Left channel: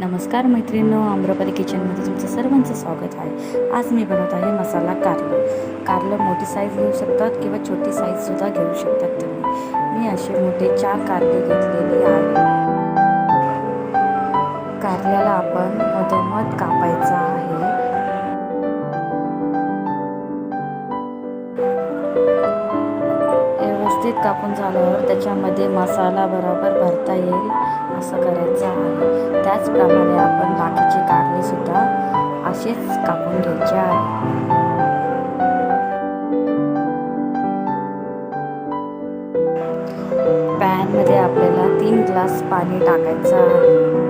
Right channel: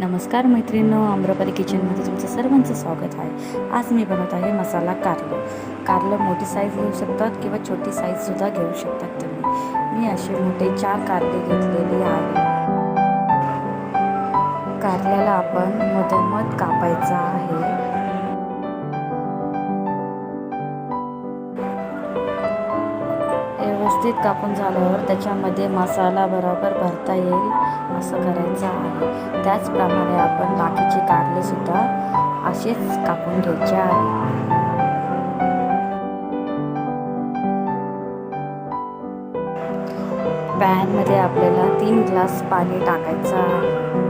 नमस्कार मैत्रिणींनो आम्रपाली किचनमध्ये तुमचं सर्वांचं स्वागत आहे. आज मी बनवत आहे मसाला कारलं. कारलं मोठी साईज घेऊ शकतात किंवा छोटी साईजसुद्धा घेऊ शकतात तुम्ही. मी असे मोठे चार कारले घेतलेले आहे. कारल्याला आपण मधोमध कापायचा आहे. व्यवस्थित कापून झाल्यावर त्याच्यामध्ये मसाला बरोबर भरता येईल असं करायचं आहे. त्याचप्रमाणे आपण बाकीचे कारणेसुद्धा अशीच असेच कापून घ्यायचे आहे. पॅनमध्ये आपल्याला तीन ग्लास पाणी टाकायचं आहे.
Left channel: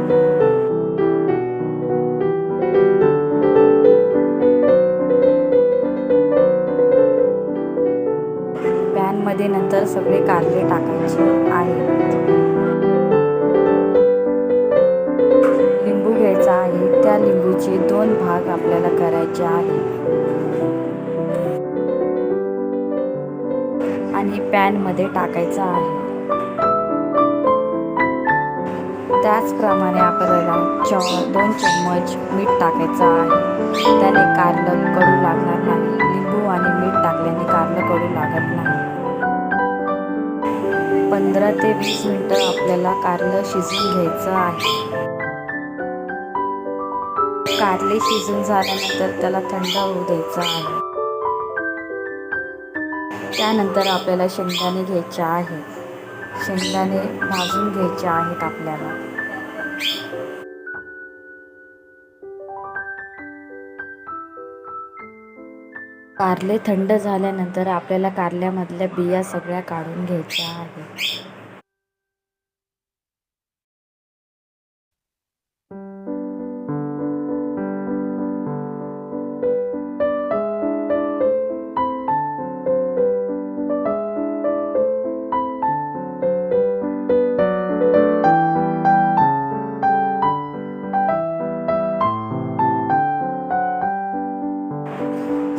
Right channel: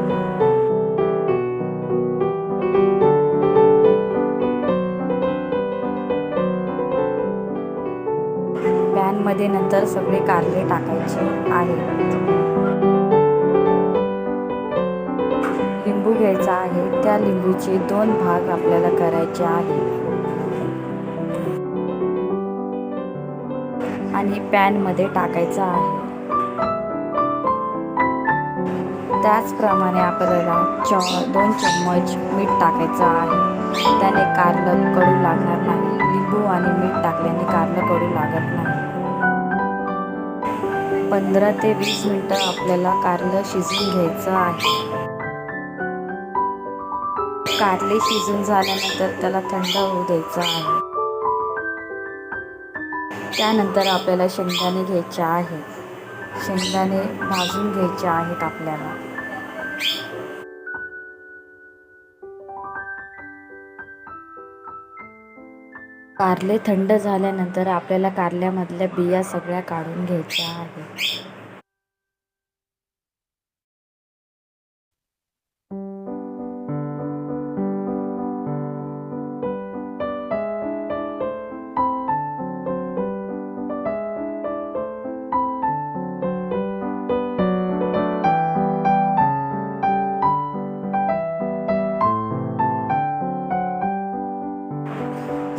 पॅनमध्ये नंतर सगळे कारले टाकायचे आहेत. लिंबू घ्यायचा आहे. त्या लिंबूचे दोन भाग आपल्याला करायचे आहे आणि पॅनमध्ये टाकायचा आहे. त्याचप्रमाणे आपल्याला च दोन चम्मच मीठ टाकायचं आहे. त्याने कारलं कडू लागणार नाही. लिंबू आणि मीठ टाकल्याने कारलं कडू लागत नाही. पंधरा ते वीस मिनटं आपल्याला कारलं शिजून घ्यायचं आहे. कारले शिजून झाल्यानंतर त्याला थंड होऊ द्यायचं आहे. त्यानंतर आपल्याला शेंगदाणे घ्यायचे आहेत शेंगदाणे भाजून घ्यायचे आहेत आपल्याला. कारले थंड झाल्यानंतर आपल्याला कारल्यामधल्या बिया सगळ्या काढून घ्यायच्या आहेत.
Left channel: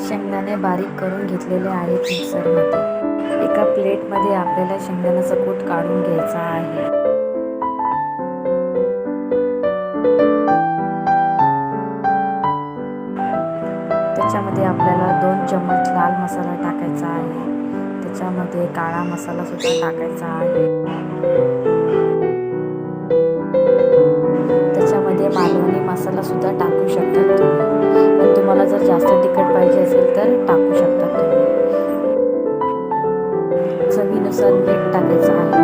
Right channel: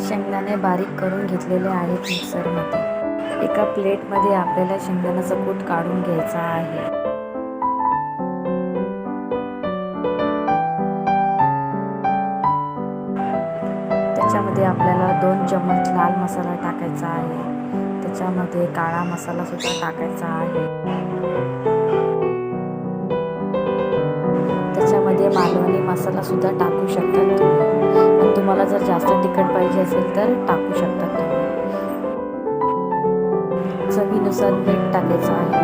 शेंगदाणे बारीक करून घेतलेले आहेत मिक्सरमध्ये. एका प्लेटमध्ये आपल्याला शेंगदाण्याचा कूट काढून घ्यायचा आहे. त्याच्यामध्ये आपल्याला दोन चम्मच लाल मसाला टाकायचा आहे. त्याच्यामध्ये काळा मसाला सुद्धा टाकायचा आहे. त्याच्यामध्ये मालवणी मसाला सुद्धा टाकू शकतात तुम्ही. तुम्हाला जर जास्त तिखट पाहिजे असेल तर टाकू शकतात तुम्ही. चवीनुसार मीठ टाकायचं आहे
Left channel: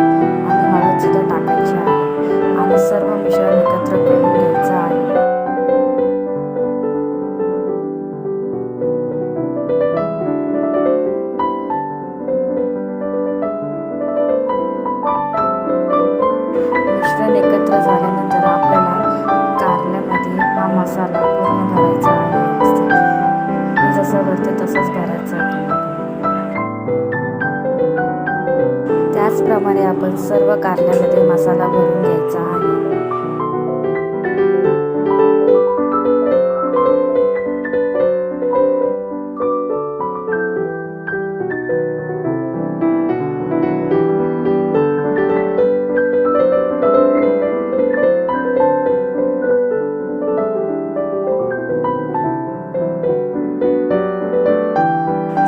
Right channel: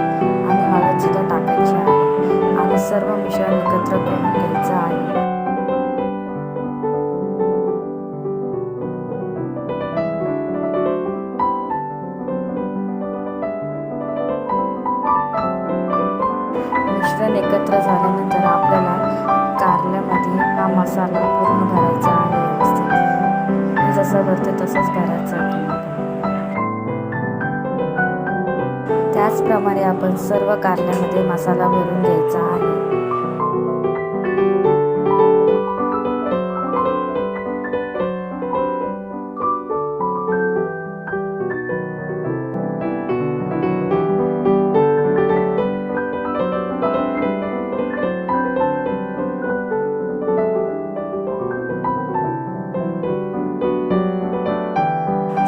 आणि हळदसुद्धा टाकायची आहे आणि सर्व मिश्रण एकत्र करून घ्यायचं आहे. मिश्रण एकत्र झाल्यानंतर आपल्याला कारल्यामध्ये हा मसाला पूर्ण भरायचा आहे व्यवस्थित. मी जसं भरते तसंच भरायचं आहे त्याचप्रमाणे आपण सर्व कारल्यामध्ये मसाला भरून घ्यायचा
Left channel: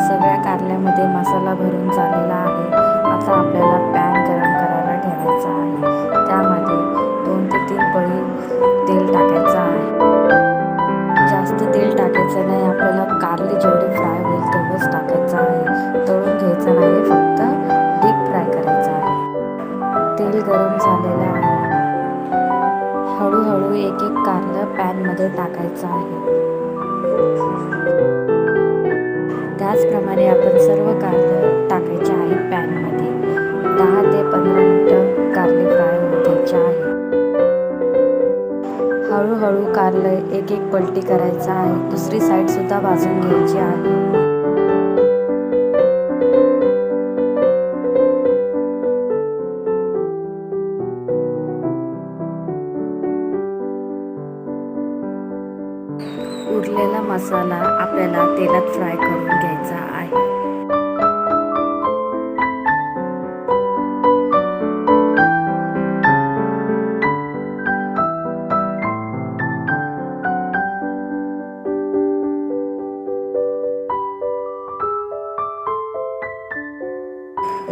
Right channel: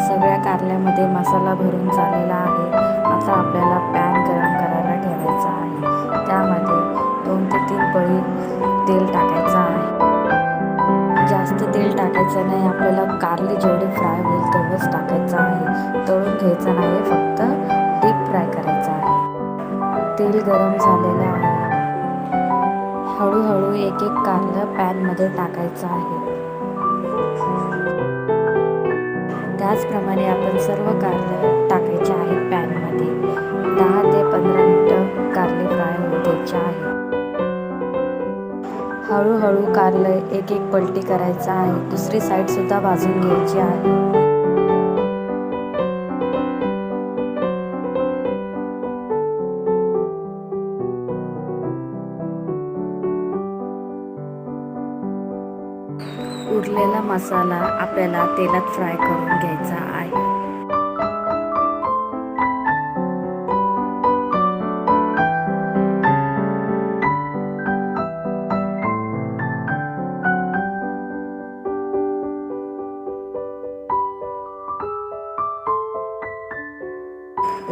सगळ्या कारल्यामध्ये मसाला भरून झालेला आहे. आता आपल्याला पॅन गरम करायला ठेवायचा आहे. त्यामध्ये दोन ते तीन पळी तेल टाकायचं आहे. जास्त तेल टाकायचं नाही. आपल्याला कारले जेवढे फ्राय होईल तेवढंच टाकायचं आहे. तळून घ्यायचं नाही. फक्त डीप फ्राय करायचं आहे. तेल गरम झालेलं आहे. हळूहळू एक एक कारलं पॅनमध्ये टाकायचं आहे. त्याचप्रमाणे आपण सर्व कारलं टाकायचे आहेत पॅनमध्ये. दहा ते पंधरा मिनटं कारले फ्राय होऊ द्यायचे आहे हळूहळू कारलं एक एक पलटी करायचं आहे. दुसरी साईडसुद्धा भाजून घ्यायची आहे. उरलेला मसाला आपल्याला तेलात फ्राय करून घ्यायचा आहे.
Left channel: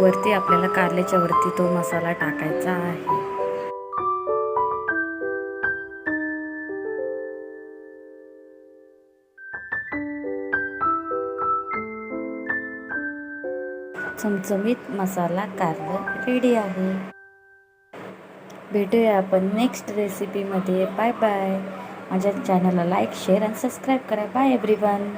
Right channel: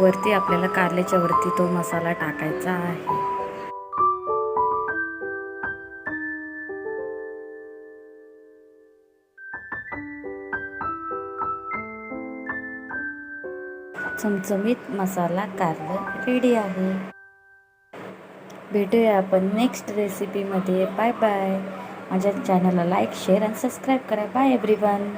वरती आपल्याला कारल्याच्या वरती तो मसाला टाकायचा आहे. चमचमीत मसाला कारलं रेडी आहे. भेटूया आपण नेक्स्ट रेसिपीमध्ये बाय बाय माझ्या चॅनलला लाईक शेअर आणि सबस्क्राईब करा. Bye everyone